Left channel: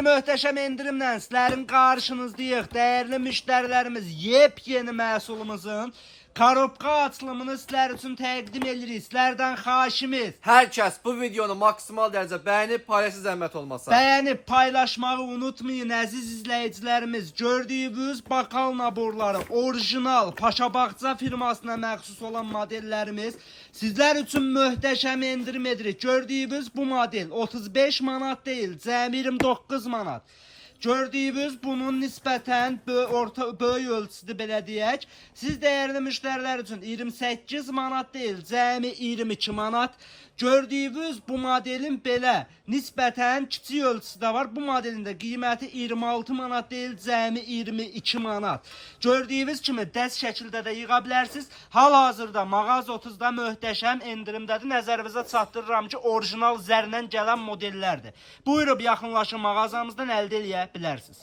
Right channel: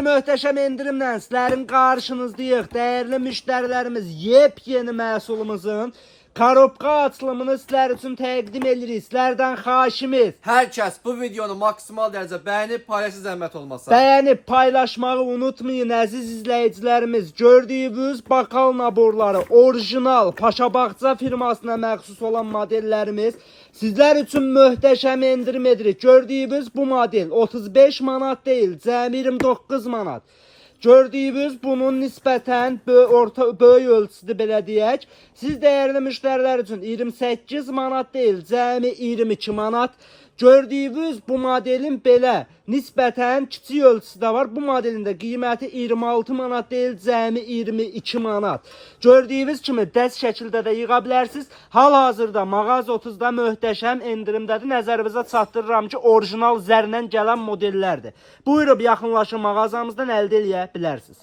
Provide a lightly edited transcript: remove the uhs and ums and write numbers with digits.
Möhtəşəm endirimlə sizlərin qarşınızdayıq. Dəyərli müştərilərimiz, yepyeni məhsulumuzun korobka açılımını sizlər üçün təqdim edirik. Sizlərdən xahişimiz, Hər kəs bu videonu maksimal dərəcə bəyənib paylaşın, zəhmət olmasa. bəyənib paylaşmağı unutmayın əziz izləyicilərimiz. Gördüyünüz bakal naborları, orijinal Paşabağça firmasına məxsus olan modellərimiz sizlər üçün möhtəşəm endirim edirik. Gördüyünüz bu model 35 manat deyil, cəmi 29 manat. Gördüyünüz bunun nisbətən böyük ölçüsüdür belə deyək. Siz dəyərli müştərilər üçün 28 manat deyil, cəmi 22 manat. Gördüyünüz bu modelin belə nisbətən kiçik ölçüsü var. Bu modelin də qiyməti 26 manat deyil, cəmi 22 manat. Gördüyünüz kimi dəst şəkildə də yığa bilərsiniz. Hal-hazırda Mağaza 30-da möhtəşəm endirimdədir. Nəzərinizə çatdırıram ki, orijinal zərlə gələn modellərdir. Buyurub yaxınlaşın mağazamızdan əldə eləyə bilərsiniz.